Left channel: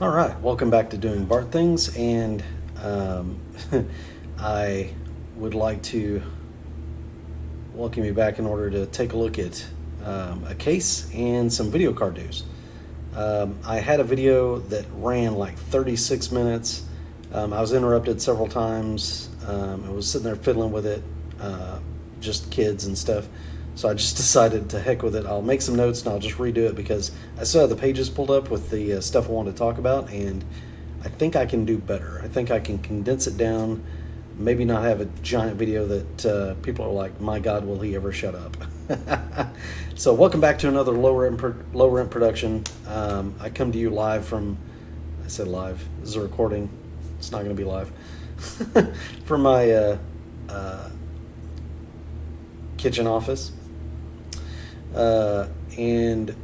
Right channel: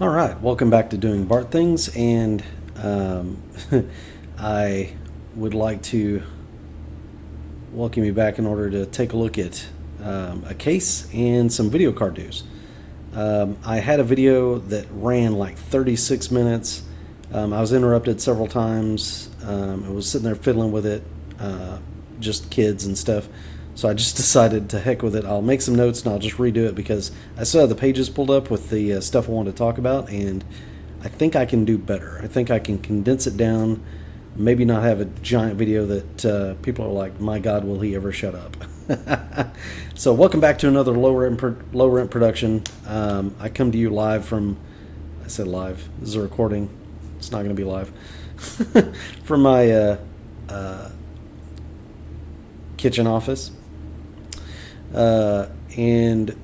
All right, welcome back to Doing Bart Things, and I would like to welcome you back in order to take a look at a case and some video card news. I had a video that ran like 36 minutes. I was interrupted several times. I was sitting there fiddling with it, just kids and stuff. So I just decided to heck with it. I'll make some notes and I'll just redo it because I still have the pages pulled up with the stuff I want to talk about, and I think I can do better. I think I can condense it down, maybe not have a giant video that people are like, my God, will he ever shut up? So welcome back to another low rent production. I come to you live from, I said live, this is a recording. It's not going to be live. From my kitchen office. And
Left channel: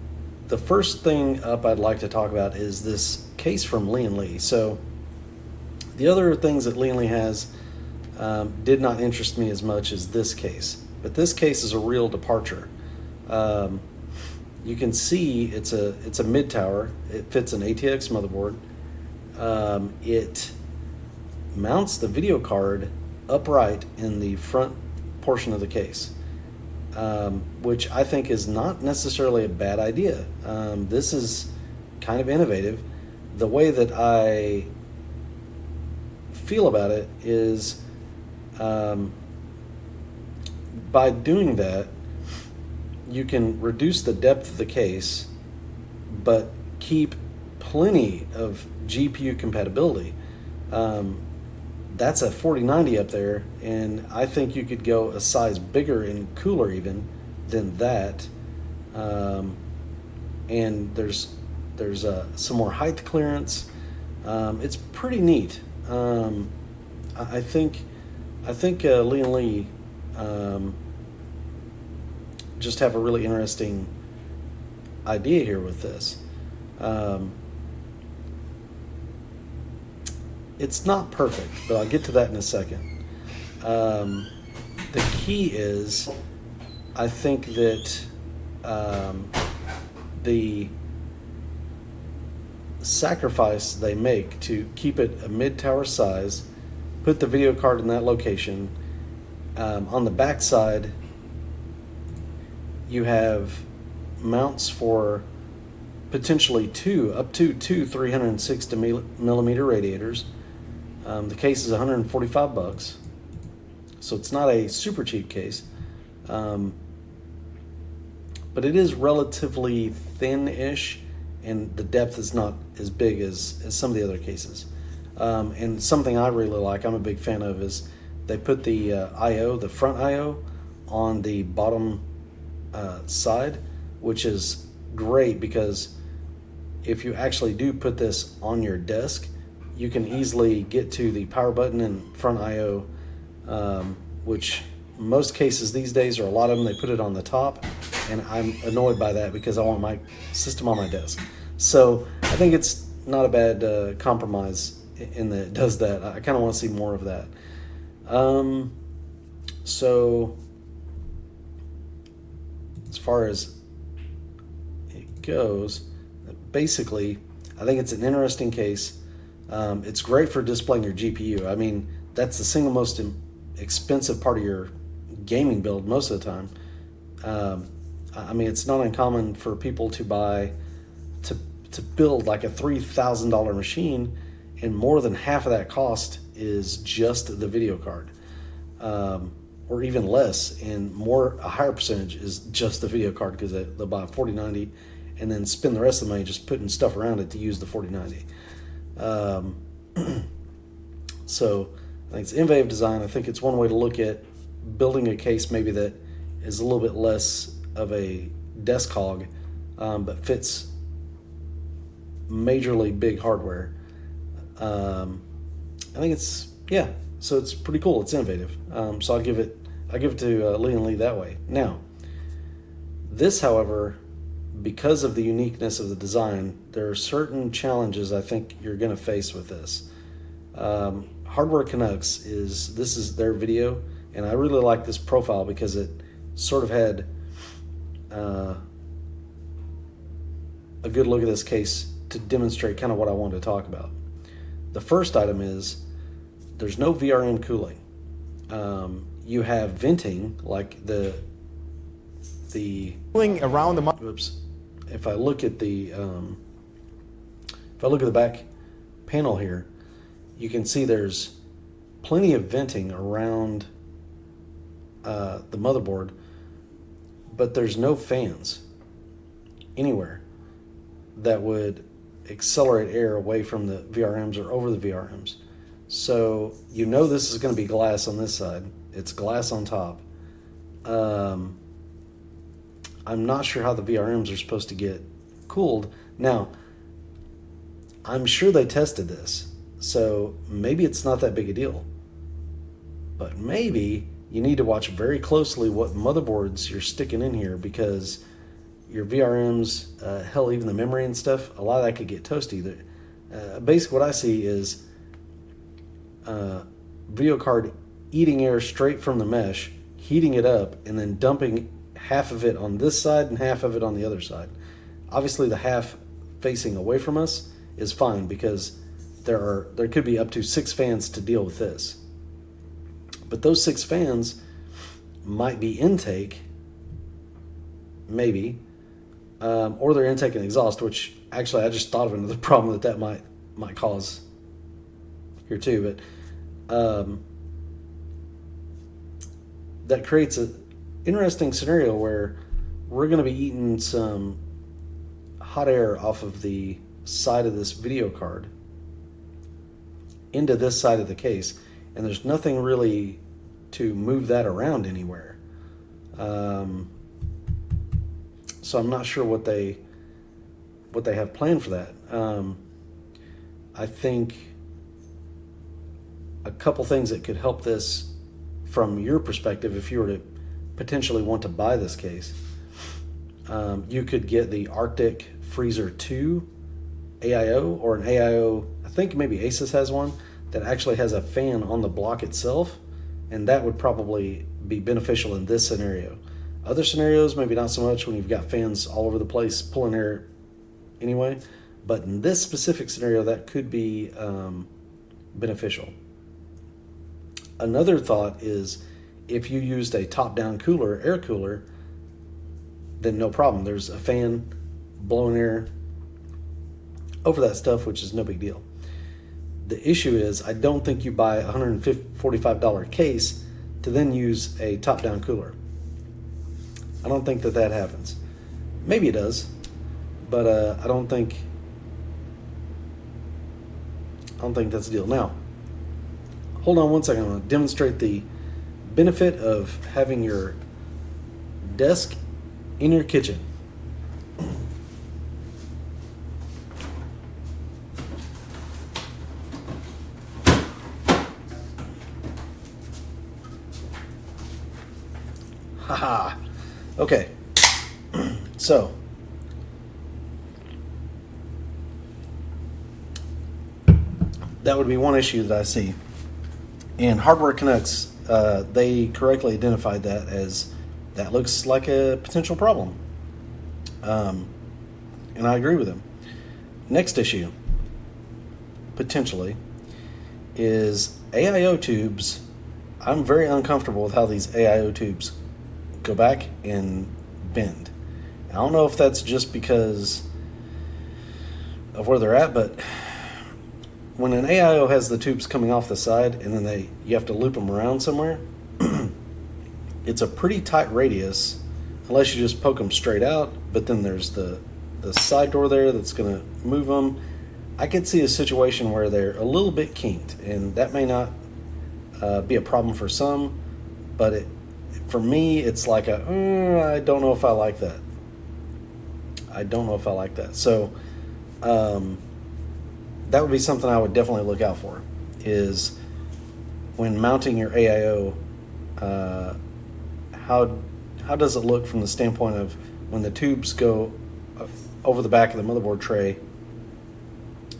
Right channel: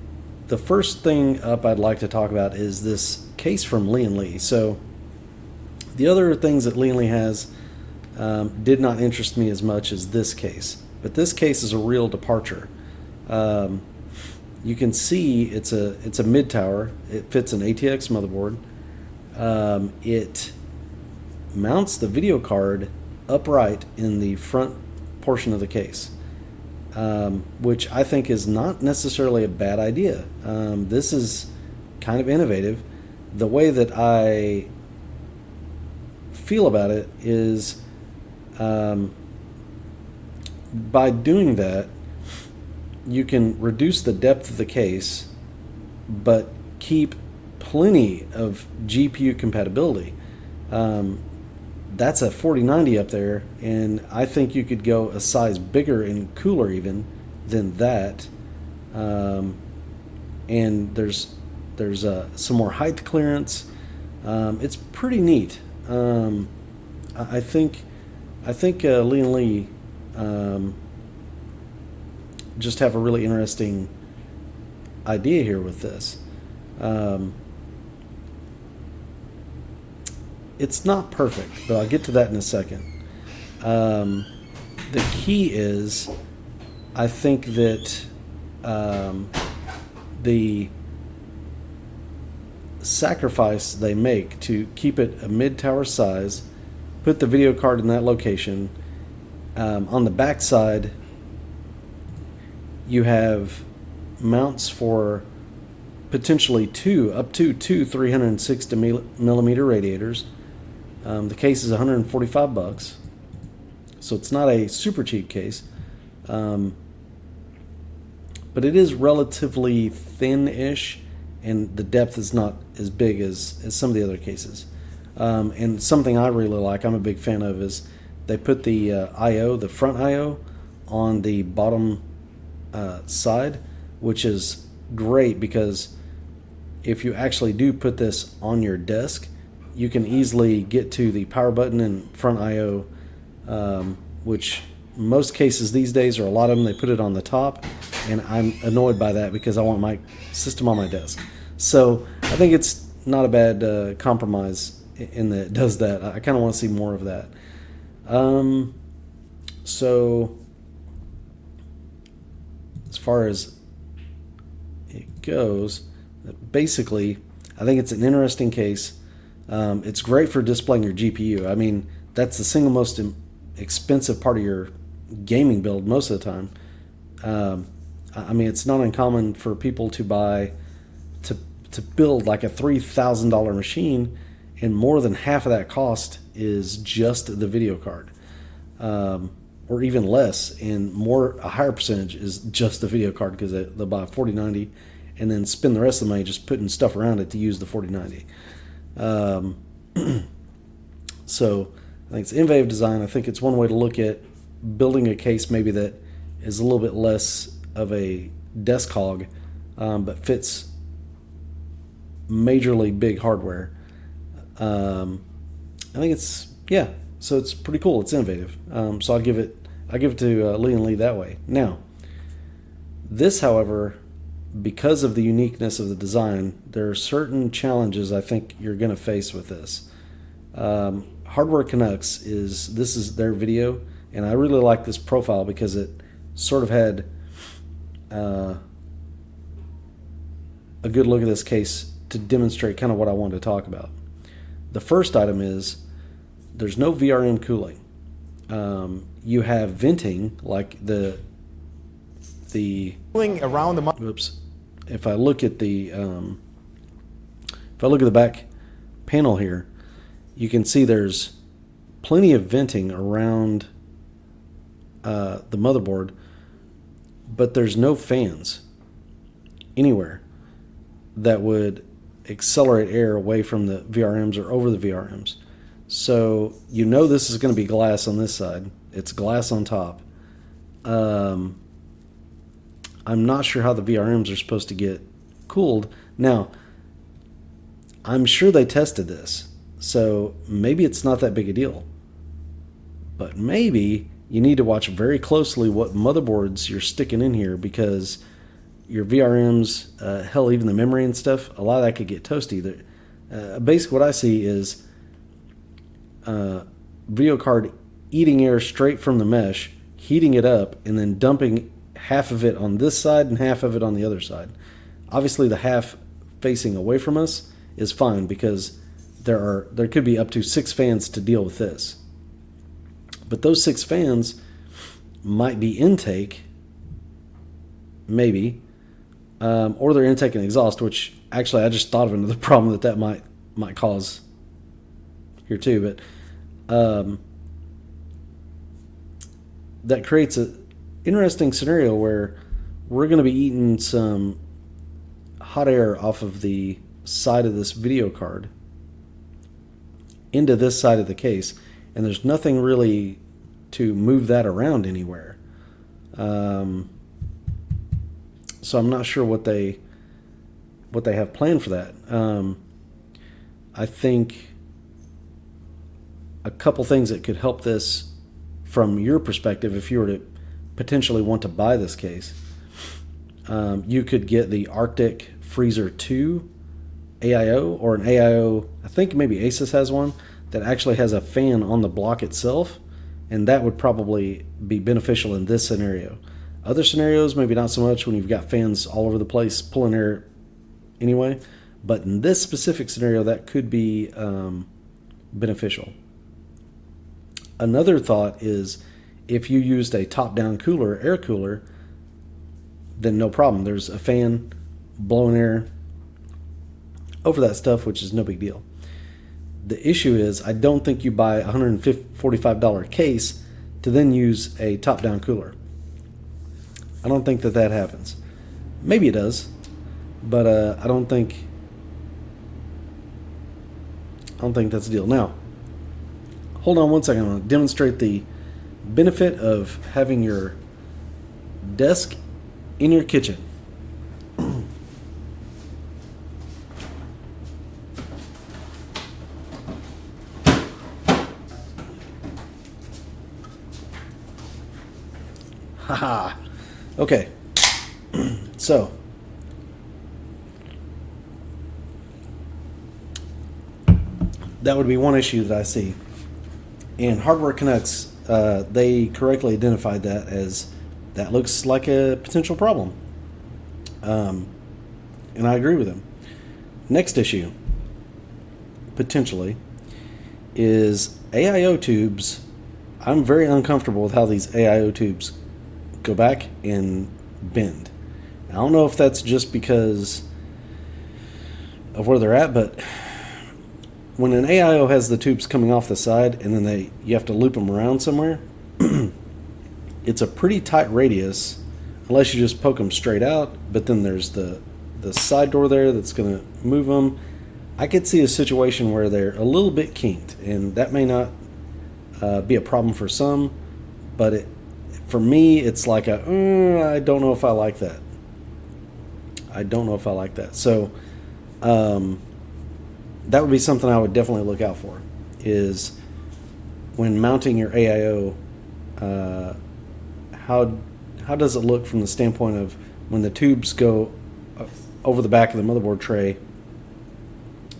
the first thing up I'd like to talk about is this case from Lian Li. So the other things that Lian Li has did not interest me as much as this case, but this case is a real departure. You can see it's a mid tower. It fits an ATX motherboard. It mounts the video card upright in the front portion of the case. Which I think is not necessarily a bad idea. This is kind of innovative. The way that I feel about it is by doing that, you can reduce the depth of the case, but keep plenty of GPU compatibility. That's a 4090 up there, and I think you could go a size bigger and cooler even than that. And there's some more height clearance. It's pretty neat. I think Lian Li just have a really interesting idea here with this. It's not perfect, but I'll get to that in a second. The key is, I think that the sacrifice they make to keep it a mid-tower size, put the video card in that location. On the back side, you have mounts for potentially up to two 360 millimeter radiators. The case is $145, so it's not a super cheap case, but it is relatively thin-ish, and the depth is not as big as some of the other cases. And something I really like, I'm a big fan of, is they put the the front I/O, on the bottom side, which is great because if you actually do put this on your desk, you can easily get to the power button and front I/O, which most cases these days, or a lot of them, they put it on the top, and I'm annoyed by that because I want my system on my desk. So I think it's not a bad compromise in that it does that. I kind of want to see more of that. So as far as it goes, basically, I think it's an interesting case. It's great for displaying your GPU. I mean, that's the single most expensive part of your gaming build most of the time. I mean, it's not uncommon for people to build like a $3,000 machine, and more than half of that cost is just the video card, or even less, and a higher percentage is just the video card because they'll buy a 4090 and then spend the rest of the money just putting stuff around it to use the 4090. So I think it's innovative design. I think it's one way to look at building a case maybe that is a little bit less of a desk hog, but fits majorly big hardware. I think so it's pretty cool. It's innovative. So I'll give it to Lian Li that way. Now, this, however, because of the uniqueness of the design, there are certain challenges I think you're going to face with this. Hardware Canucks this is their video, and I really like this profile because it sort of had a good look at this case to demonstrate kind of what I wanted to talk about. The first item is there's no VRM cooling. You have venting, like the cooling around the. Oops. If I look at the back panel here, you can see there's plenty of venting around the motherboard, but there's no fans anywhere that would accelerate air away from the VRMs or over the VRMs. So you know this is going to be glass on this side. It's glass on top. I'm not sure how the VRMs are supposed to get cooled. Now, I'm sure they tested this, so maybe it's not that big a deal. But maybe you need to watch very closely what motherboards you're sticking in here, because your VRMs, hell, even the memory and stuff, a lot of that could get toasty. Basically, what I see is video card eating air straight from the mesh, heating it up, and then dumping half of it on this side and half of it on the other side. Obviously, the half facing away from us is fine, because there could be up to 6 fans to deal with this. But those 6 fans might be intake, maybe, or they're intake and exhaust, which actually I just thought of another problem that might cause here too. But that creates an interesting scenario where we're going to be eating some hot air off of the side of this video card into this side of the case, and there's nothing really to move that around anywhere. So I'm not sure what they have planned for that. I think a couple things that could help this from your perspective, if you were to potentially want to buy this case, you could get the Arctic Freezer 2 AIO, or an AIO, I think maybe Asus has one, that actually has a fan on the block itself, and that would probably be beneficial in this scenario. Other scenarios, maybe not so much, when you've got fans all over the place pulling air anyway, but in this specific scenario, that could be beneficial. Another thought is, if you used a top-down cooler, air cooler, then no problem. There's a fan blowing air over that stuff, which is no big deal. The issue is, I don't think you buy a $145 case to then use a top-down cooler. I don't think that happens. Maybe it does, but I don't think that's the deal. Now, hold on one second. I'm going to demonstrate the benefit of having your desk in your kitchen. Haha. Okay. So, that would be one issue that I see. And Hardware Canucks, they correctly identified that as that looks like a potential problem. And I agree with them. Next issue, potentially, is AIO tubes. I'm very uncomfortable with how these AIO tubes go back and bend. I don't know if that's just because of where they're at, but when an AIO has the tubes coming off the side and then you have to loop them around somewhere, it's a pretty tight radius unless you just poke them straight out, but then there's the side door there that's going to move them. I could see a situation where they're a little bit kinked, and that may not be a problem for some, but for me, it's like I don't know if I like that. I don't know if I like that. So that would be something I would definitely look out for, is when mounting your AIO, how does it look from the standpoint of when the tubes go over the back of the motherboard tray?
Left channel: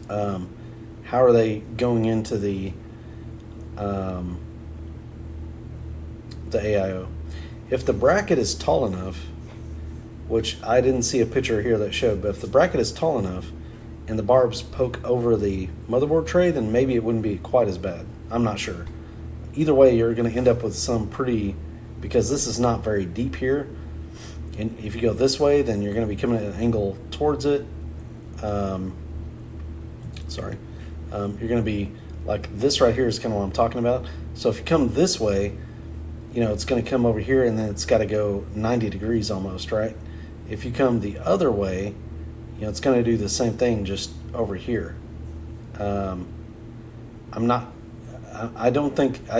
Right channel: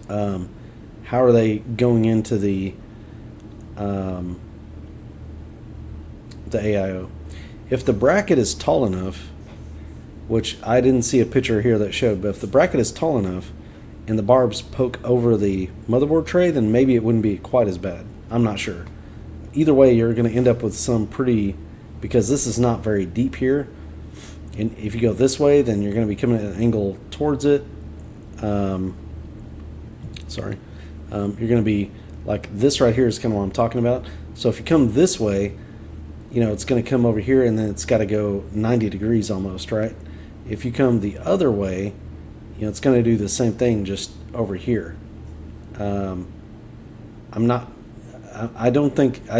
How are they going into the AIO? If the bracket is tall enough, which I didn't see a picture here that showed, but if the bracket is tall enough, and the barbs poke over the motherboard tray, then maybe it wouldn't be quite as bad. I'm not sure. Either way, you're going to end up with some pretty, because this is not very deep here. And if you go this way, then you're going to be coming at an angle towards it. You're going to be like this right here is kind of what I'm talking about. So if you come this way, you know, it's going to come over here and then it's got to go 90 degrees almost, right? If you come the other way, you know, it's going to do the same thing just over here. I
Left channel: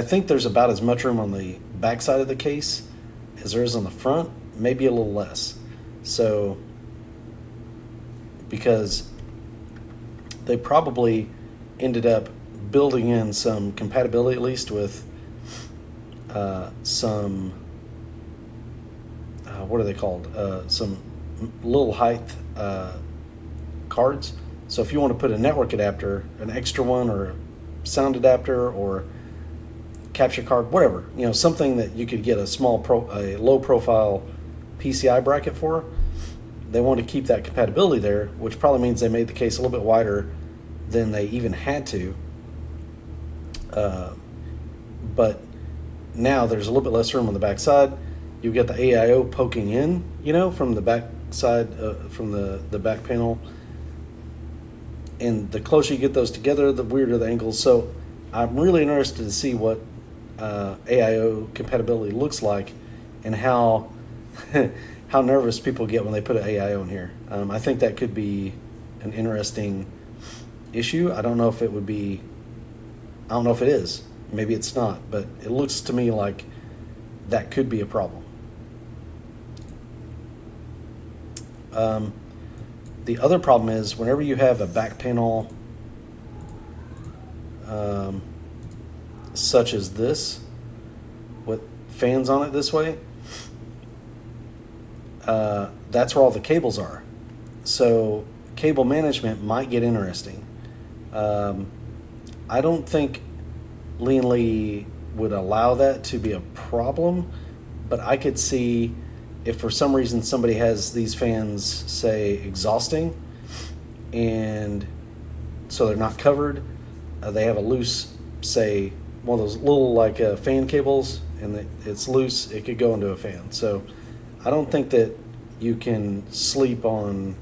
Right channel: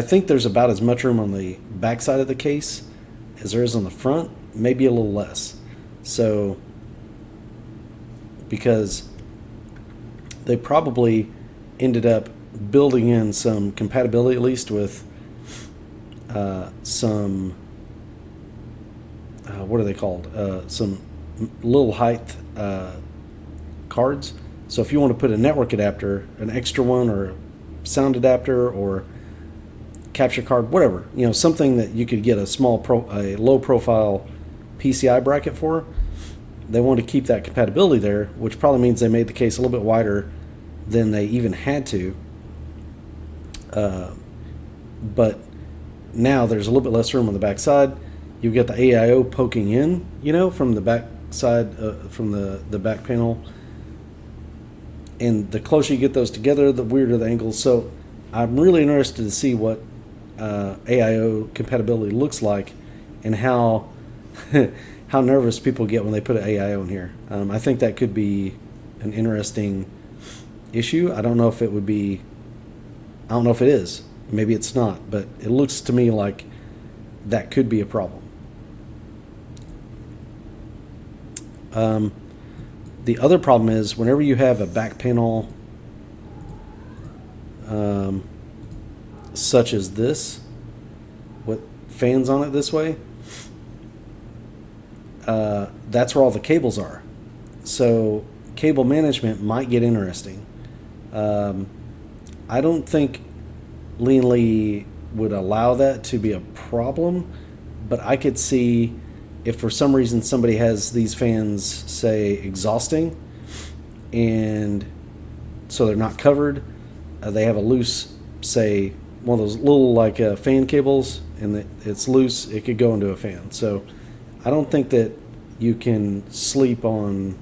think there's about as much room on the back side of the case as there is on the front, maybe a little less. So, because they probably ended up building in some compatibility, at least with some, what are they called? Some little height cards. So if you want to put a network adapter, an extra one, or a sound adapter, or capture card, whatever, you know, something that you could get a low profile PCI bracket for, they want to keep that compatibility there, which probably means they made the case a little bit wider than they even had to. But now there's a little bit less room on the back side. You've got the AIO poking in, you know, from the back side, from the back panel. And the closer you get those together, the weirder the angles. So I'm really interested to see what AIO compatibility looks like and how how nervous people get when they put an AIO in here. I think that could be an interesting issue. I don't know if it would be. I don't know if it is. Maybe it's not, but it looks to me like that could be a problem. The other problem is whenever you have a back panel such as this, with fans on it this way, that's where all the cables are. So cable management might get interesting. I don't think Lian Li would allow that to be a problem, but I could see if for some reason somebody has these fans, say, exhausting, and so they're not covered, they have a loose, say, one of those little like fan cables, and it's loose, it could go into a fan. So I don't think that you can sleep on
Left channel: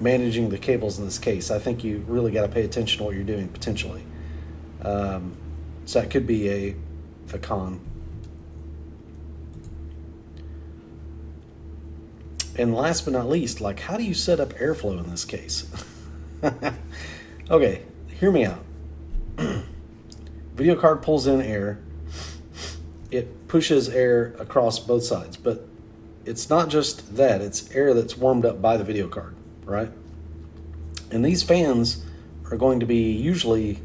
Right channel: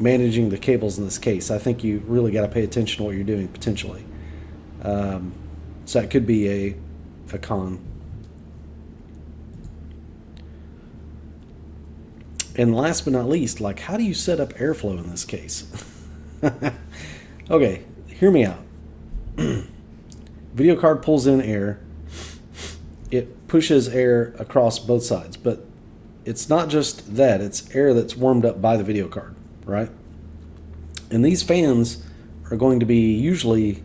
managing the cables in this case. I think you really got to pay attention to what you're doing potentially. So that could be a con. And last but not least, like, how do you set up airflow in this case? Okay, hear me out. Video card pulls in air. It pushes air across both sides, but it's not just that. It's air that's warmed up by the video card, right? And these fans are going to be usually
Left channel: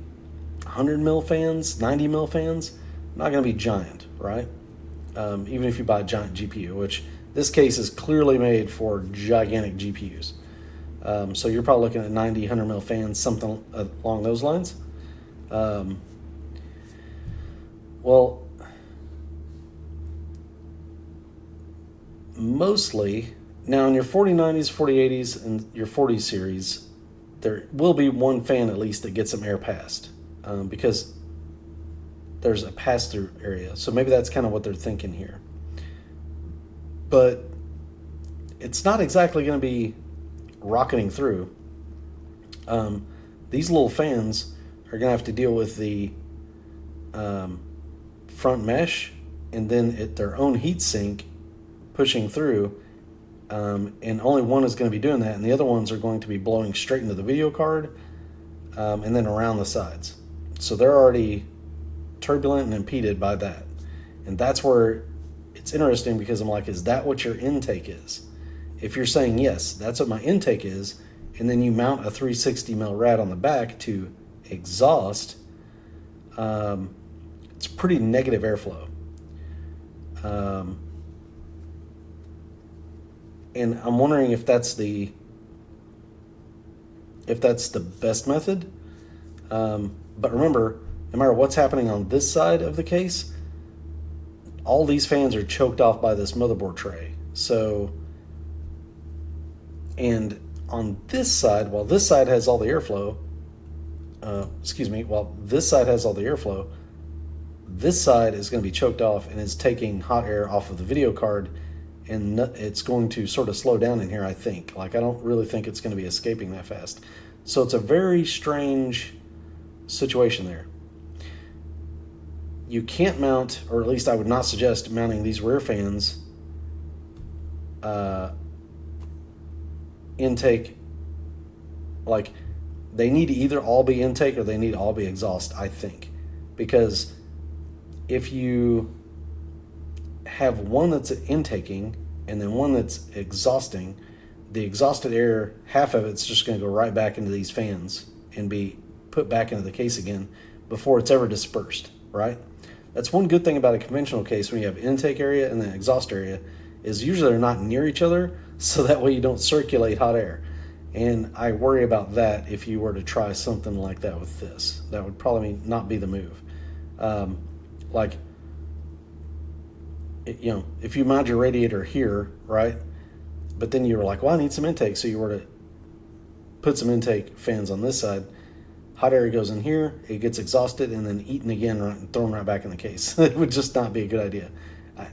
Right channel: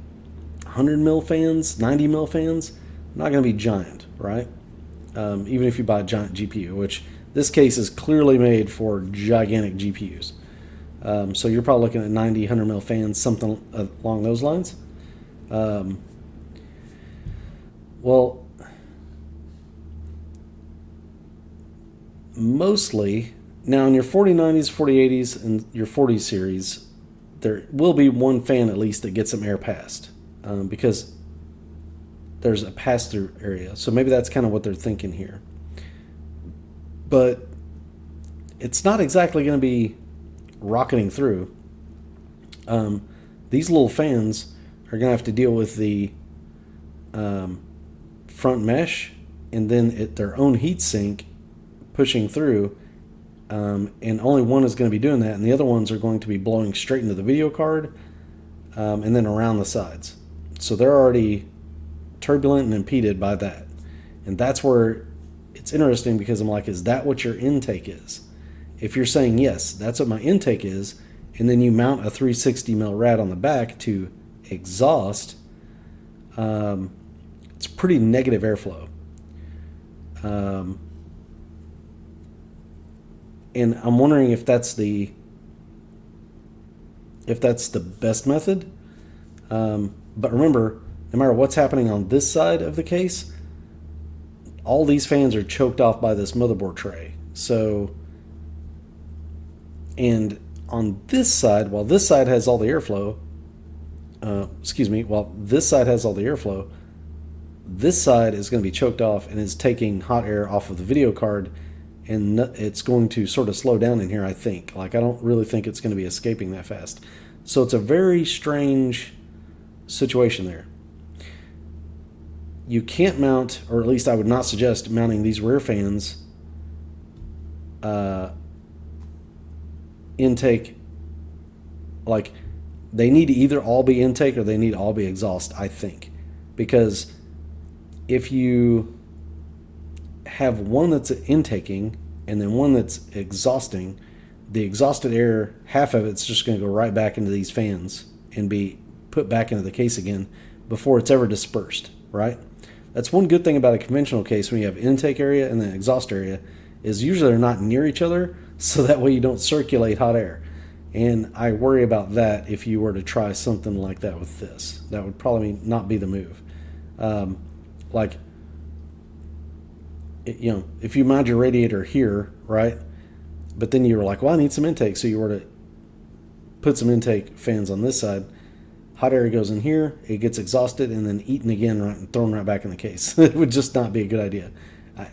100 mil fans, 90 mil fans, not going to be giant, right? Even if you buy a giant GPU, which this case is clearly made for gigantic GPUs. So you're probably looking at 90, 100 mil fans, something along those lines. Well, mostly, now in your 4090s, 4080s, and your 40 series, there will be one fan at least that gets some air passed, because there's a pass-through area. So maybe that's kind of what they're thinking here. But it's not exactly going to be rocketing through. These little fans are going to have to deal with the front mesh and then their own heat sink pushing through, and only one is going to be doing that, and the other ones are going to be blowing straight into the video card and then around the sides. So they're already turbulent and impeded by that. And that's where it's interesting, because I'm like, is that what your intake is? If you're saying yes, that's what my intake is, and then you mount a 360 mil rad on the back to exhaust, it's pretty negative airflow. And I'm wondering if that's the best method. But remember, no matter what's happening on this side of the case, all these fans are choked off by this motherboard tray. So, and on this side, while this side has all the airflow, while this side has all the airflow, this side is going to be choked off and is taking hot air off of the video card, and it's going to sort of slow down in here, I think. Like, I don't really think it's going to be escaping that fast. So it's a very strange situation there. You can't mount, or at least I would not suggest mounting these rear fans intake. Like, they need to either all be intake or they need to all be exhaust, I think. Because if you have one that's intaking and then one that's exhausting, the exhausted air, half of it's just going to go right back into these fans and be put back into the case again before it's ever dispersed, right? That's one good thing about a conventional case when you have intake area and then exhaust area, is usually they're not near each other, so that way you don't circulate hot air. And I worry about that if you were to try something like that with this. That would probably not be the move. If you mount your radiator here, right, but then you were like, well, I need some intake, so you were to put some intake fans on this side, hot air goes in here, it gets exhausted, and then eaten again and thrown right back in the case. It would just not be a good idea.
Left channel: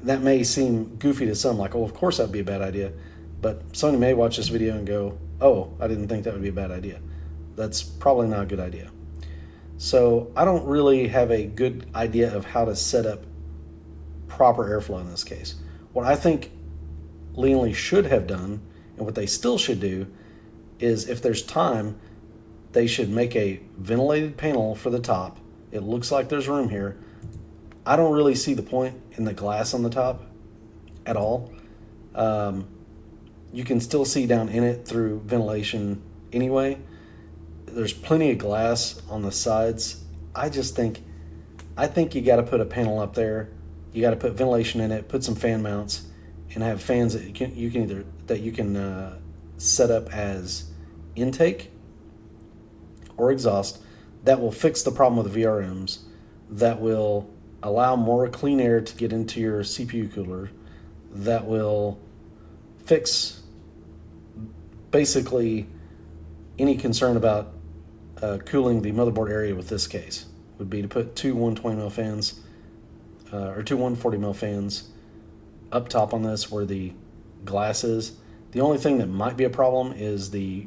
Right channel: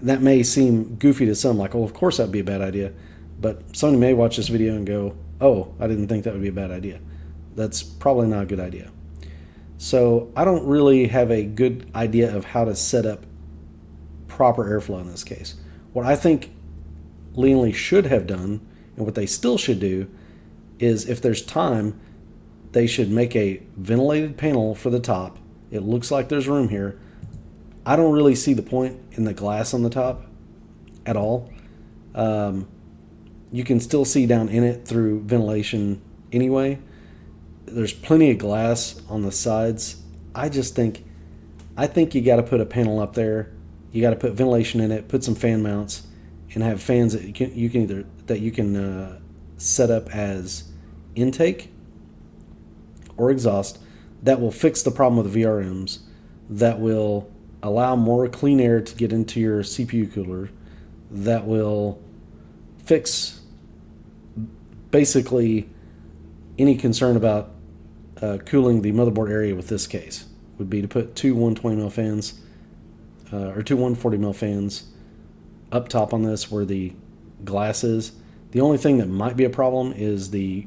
That may seem goofy to some, like, oh, of course that would be a bad idea, but somebody may watch this video and go, oh, I didn't think that would be a bad idea. That's probably not a good idea. So I don't really have a good idea of how to set up proper airflow in this case. What I think Lian Li should have done, and what they still should do, is if there's time, they should make a ventilated panel for the top. It looks like there's room here. I don't really see the point in the glass on the top at all. You can still see down in it through ventilation anyway. There's plenty of glass on the sides. I think you got to put a panel up there. You got to put ventilation in it, put some fan mounts, and have fans that you can set up as intake or exhaust. That will fix the problem with the VRMs. That will allow more clean air to get into your CPU cooler. That will fix basically any concern about cooling the motherboard area with this case. Would be to put two 120mm fans or two 140mm fans up top on this where the glass is. The only thing that might be a problem is the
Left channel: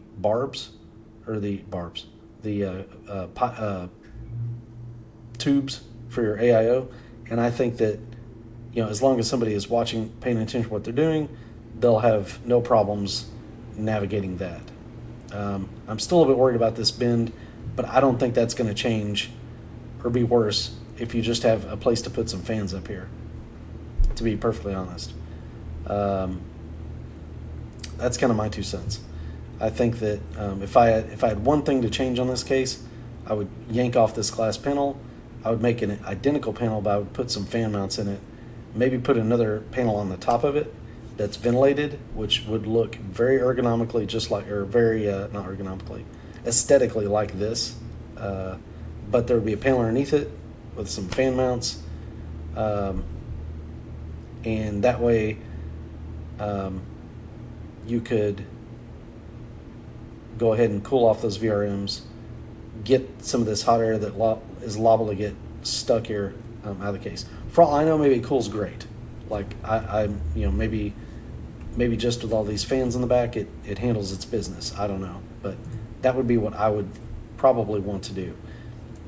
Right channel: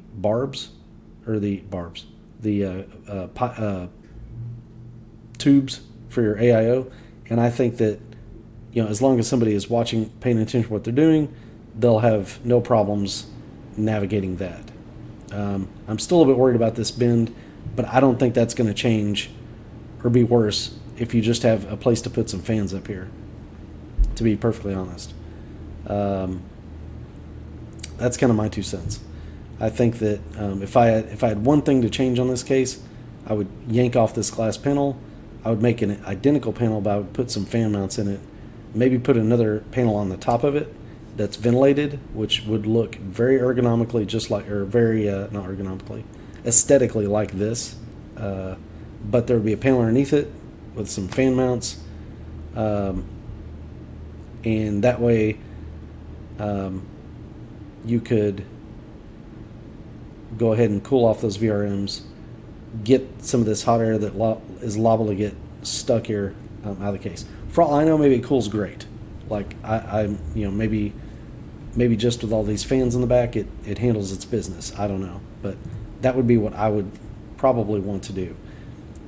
tubes for your AIO, and I think that, as long as somebody is watching, paying attention to what they're doing, they'll have no problems navigating that. I'm still a bit worried about this bend, but I don't think that's going to change or be worse if you just have a place to put some fans up here, to be perfectly honest. That's kind of my 2 cents. I think that if I had one thing to change on this case, I would yank off this glass panel. I would make an identical panel, but I would put some fan mounts in it. Maybe put another panel on the top of it that's ventilated, which would look very ergonomically, not ergonomically, aesthetically like this. But there would be a panel underneath it with some fan mounts, and that way you could go ahead and cool off those VRMs, get some of this hot air that is liable to get stuck here out of the case. For all I know, maybe it cools great. Like maybe just with all these fans in the back, it handles its business. I don't know, but that would be what I would probably want to do.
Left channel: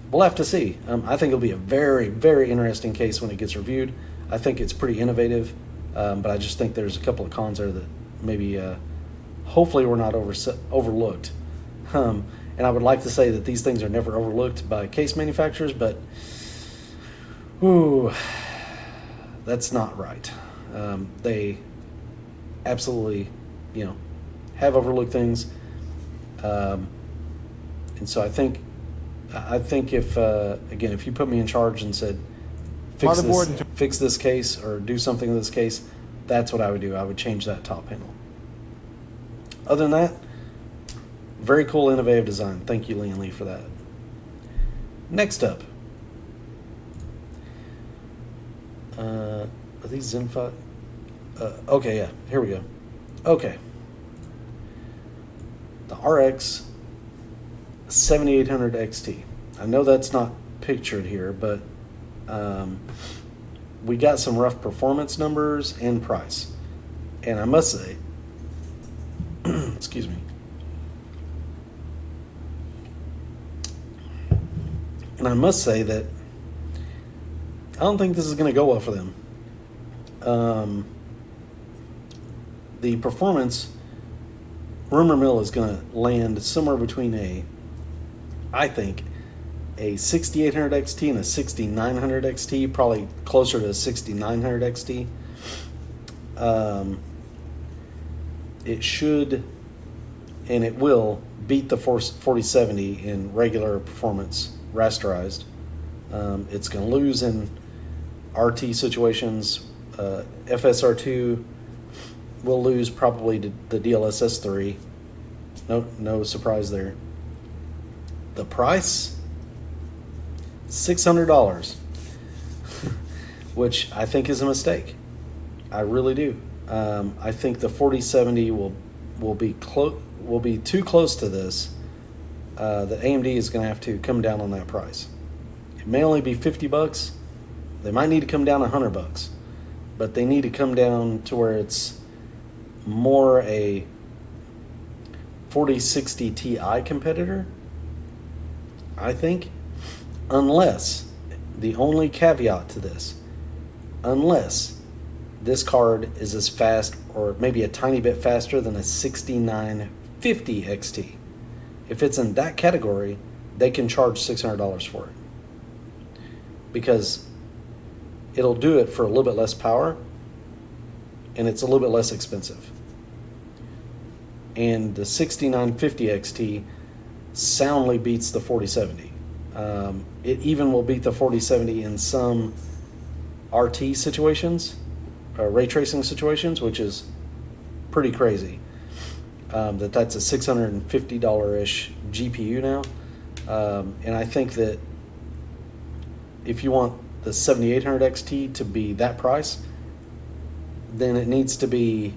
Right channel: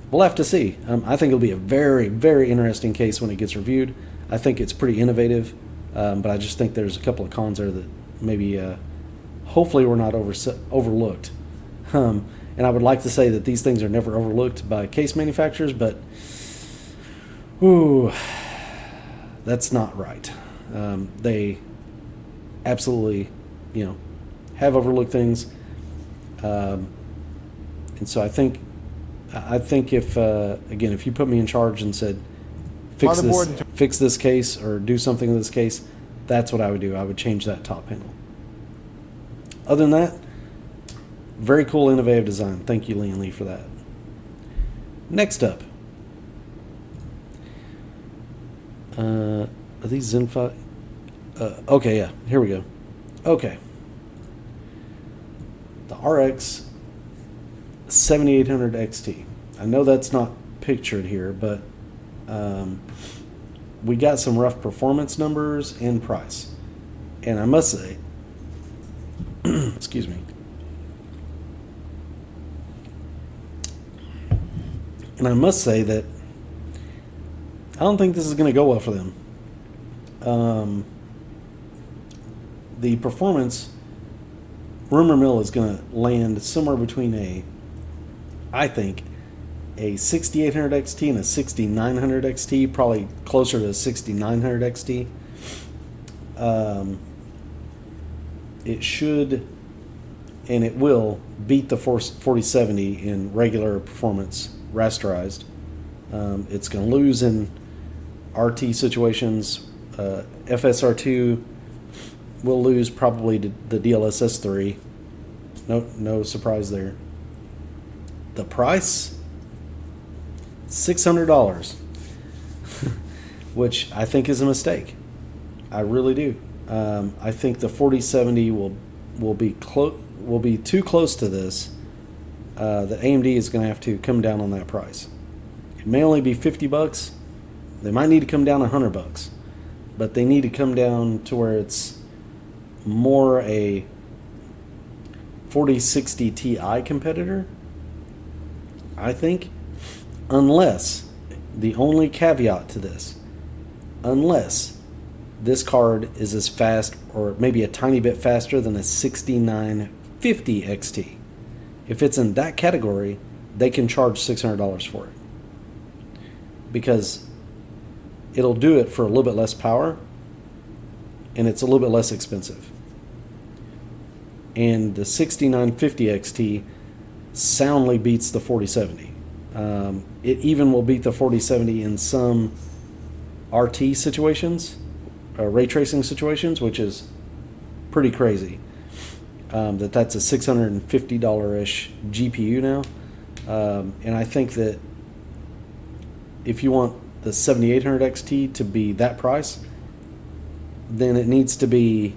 We'll have to see. I think it'll be a very, very interesting case when it gets reviewed. I think it's pretty innovative, but I just think there's a couple of cons there that maybe, hopefully, were not overlooked. And I would like to say that these things are never overlooked by case manufacturers, but that's not right. They absolutely, have overlooked things, and so I think if you put me in charge and said fix this case or do something in this case, that's what I would do. I would change that top panel. Other than that, very cool, innovative design. Thank you, Lian Li, for that. Next up, are these Zen 5? Okay, yeah, here we go. Okay. the RX 7800 XT. I know that's not pictured here, but we got some rough performance numbers and price. And I must say, excuse me, and I must say that I don't think this is going to go well for them. The performance, rumor mill, is going to land somewhere between I think, a 6800 XT and a 6900 XT, probably closer to a 6900 XT. It should, and it will, beat the 4070 in regular performance rasterized. It's going to lose in RT situations. FSR2 will lose probably to the DLSS 3. No surprise there. The price, $600, which I think is a mistake. I really do. I think the 4070 will be too close to this. That AMD is going to have to come down on that price. It may only be $50. They might need to come down $100, but they need to come down to where it's more a 4060 Ti competitor, I think, unless, the only caveat to this, unless this card is as fast or maybe a tiny bit faster than a 6950 XT. If it's in that category, they can charge $600 for it, because it'll do it for a little bit less power and it's a little bit less expensive. And the 6950 XT soundly beats the 4070. It even will beat the 4070 in some RT situations, ray tracing situations, which is pretty crazy. That's a $650-ish GPU now. And I think that if you want the 7800 XT to be that price, then it needs to be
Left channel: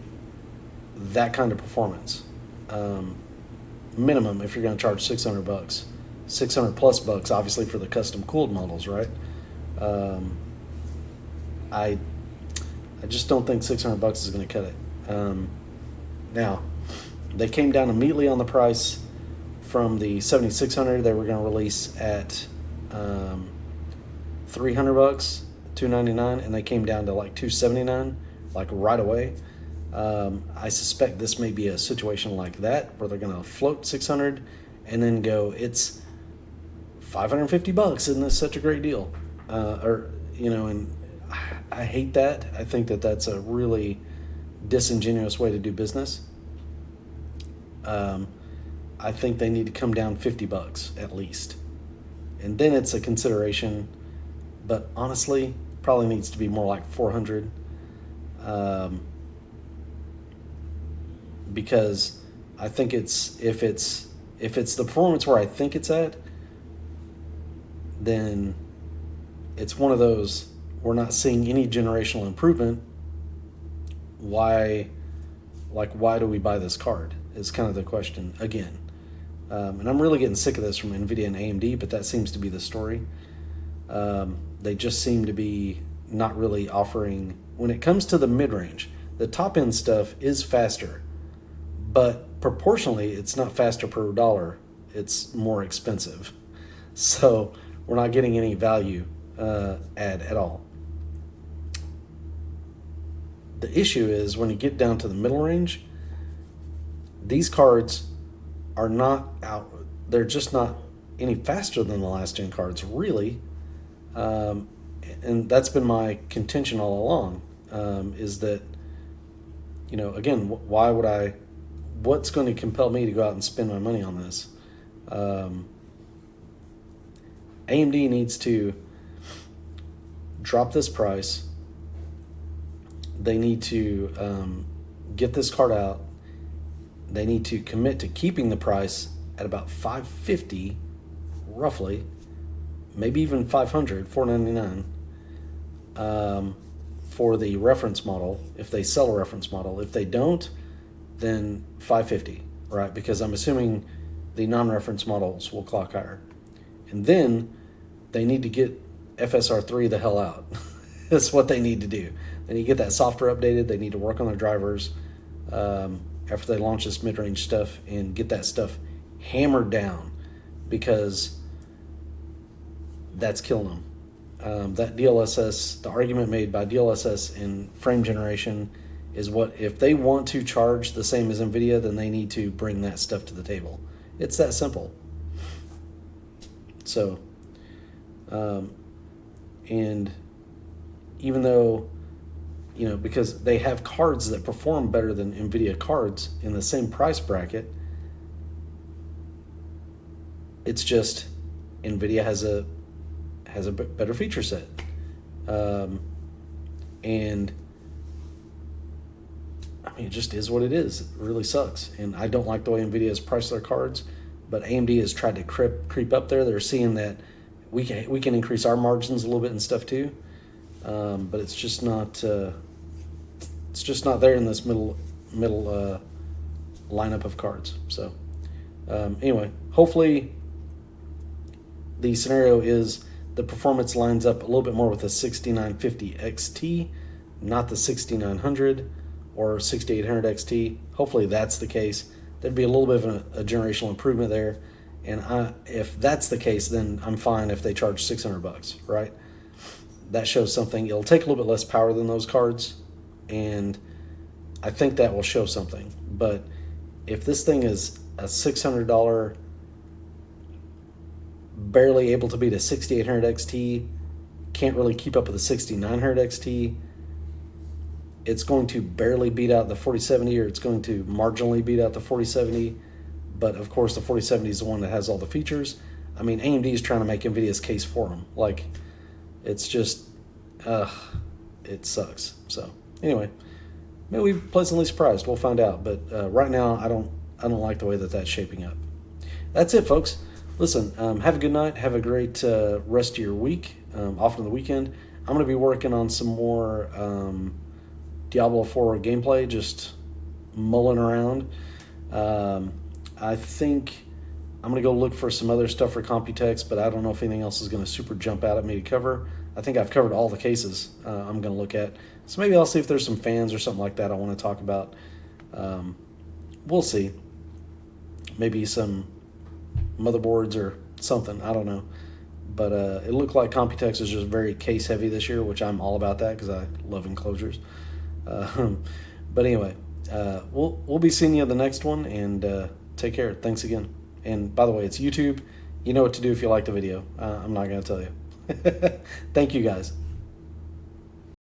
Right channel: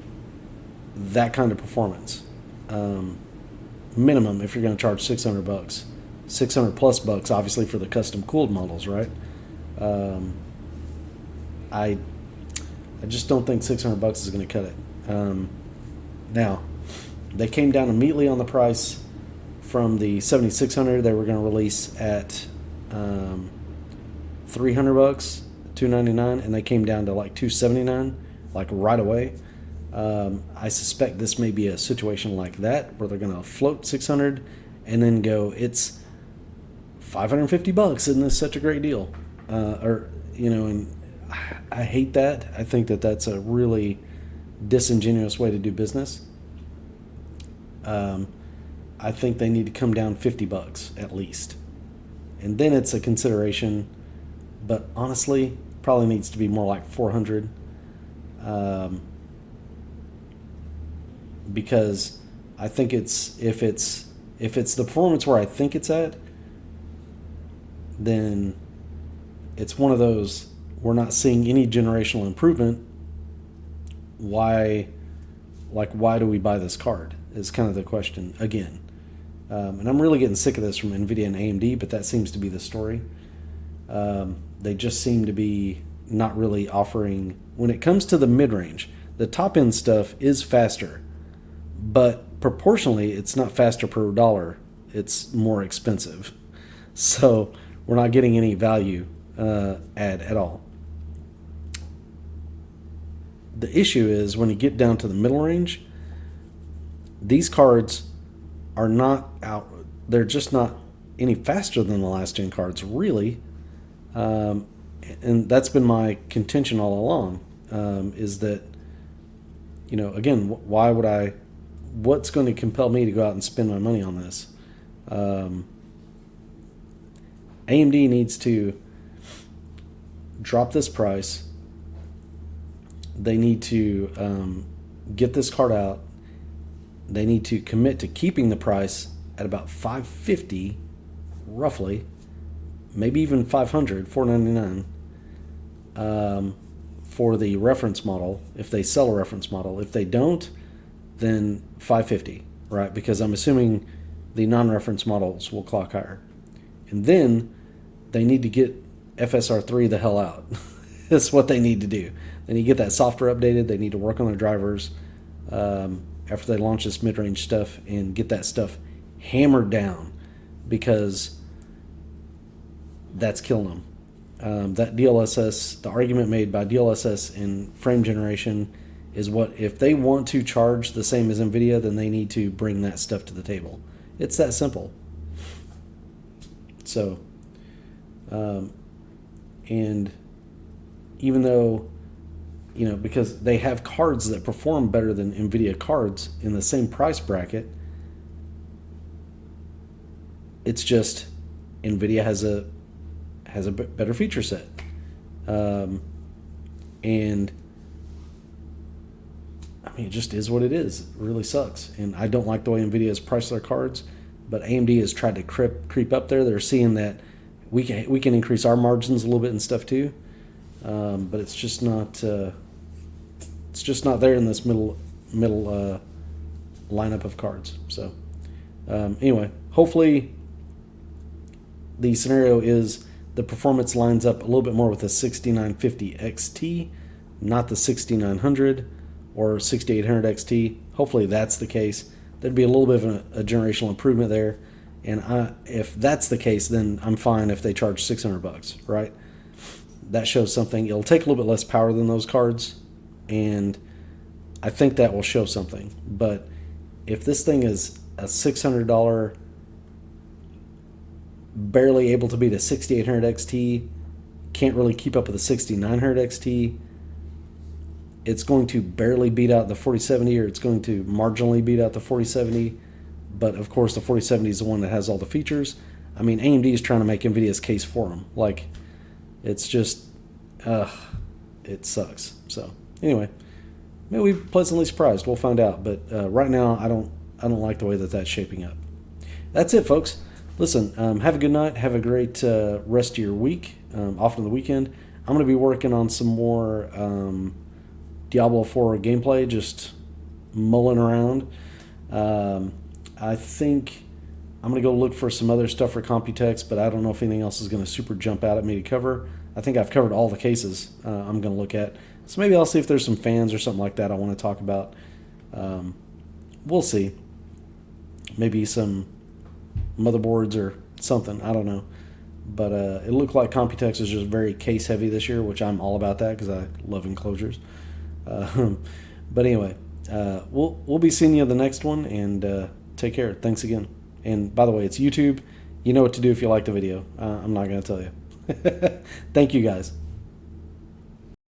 that kind of performance. Minimum, if you're going to charge $600, 600 plus bucks, obviously, for the custom cooled models, right? I just don't think $600 is going to cut it. Now, they came down immediately on the price from the 7600 they were going to release at $300, $299, and they came down to like $279, like right away. I suspect this may be a situation like that where they're going to float 600 and then go, it's $550. Isn't this such a great deal? And I hate that. I think that that's a really disingenuous way to do business. I think they need to come down $50 at least, and then it's a consideration. But honestly, probably needs to be more like 400, because I think if it's the performance where I think it's at, then it's one of those, we're not seeing any generational improvement. Why do we buy this card? Is kind of the question again. And I'm really getting sick of this from Nvidia and AMD, but that seems to be the story. They just seem to be not really offering, when it comes to the mid-range, the top-end stuff is faster, but proportionally it's not faster per dollar, it's more expensive. So we're not getting any value add at all. The issue is when you get down to the middle range, these cards are not out, they're just not any faster than the last gen cards, really. And that's been my contention all along, is that, again, what's going to compel me to go out and spend my money on this? AMD needs to drop this price. They need to get this card out. They need to commit to keeping the price at about $550, roughly, maybe even $500, $499, for the reference model, if they sell a reference model. If they don't, then $550. right? Because I'm assuming the non-reference models will clock higher. And then they need to get FSR3 the hell out. That's what they need to do. They need to get that software updated. They need to work on their drivers after they launch this mid-range stuff and get that stuff hammered down, because that's killing them. That DLSS, the argument made by DLSS in frame generation is what, if they want to charge the same as Nvidia, then they need to bring that stuff to the table. It's that simple. So, and even though, you know, because they have cards that perform better than Nvidia cards in the same price bracket, it's just Nvidia has a better feature set, and I mean, it just is what it is. It really sucks, and I don't like the way Nvidia has priced their cards. But AMD has tried to creep up there. They're seeing that we can increase our margins a little bit and stuff too, but it's just not there in this middle lineup of cards. So anyway, hopefully the scenario is the performance lines up a little bit more with the 6950 XT, not the 6900 or 6800 XT. Hopefully that's the case. There'd be a little bit of a generational improvement there, and if that's the case, then I'm fine if they charge $600, right? That shows something. It'll take a little bit less power than those cards, and I think that will show something. But if this thing is a $600, barely able to beat a 6800 XT, can't really keep up with the 6900 XT, it's going to barely beat out the 4070, or it's going to marginally beat out the 4070. But of course, the 4070 is the one that has all the features. I mean, AMD is trying to make Nvidia's case for them. Like, it's just, it sucks. So anyway, maybe we'll be pleasantly surprised. We'll find out. But right now, I don't like the way that that's shaping up. That's it, folks. Listen, have a good night. Have a great rest of your week. Off on the weekend, I'm going to be working on some more Diablo 4 gameplay, just mulling around. I think I'm going to go look for some other stuff for Computex, but I don't know if anything else is going to super jump out at me to cover. I think I've covered all the cases I'm going to look at. So maybe I'll see if there's some fans or something like that I want to talk about. We'll see. Maybe some motherboards or something. I don't know. But it looked like Computex is just very case heavy this year, which I'm all about that because I love enclosures. But anyway, we'll be seeing you in the next one, and take care. Thanks again. And by the way, it's YouTube. You know what to do if you like the video. I'm not going to tell you. Thank you, guys.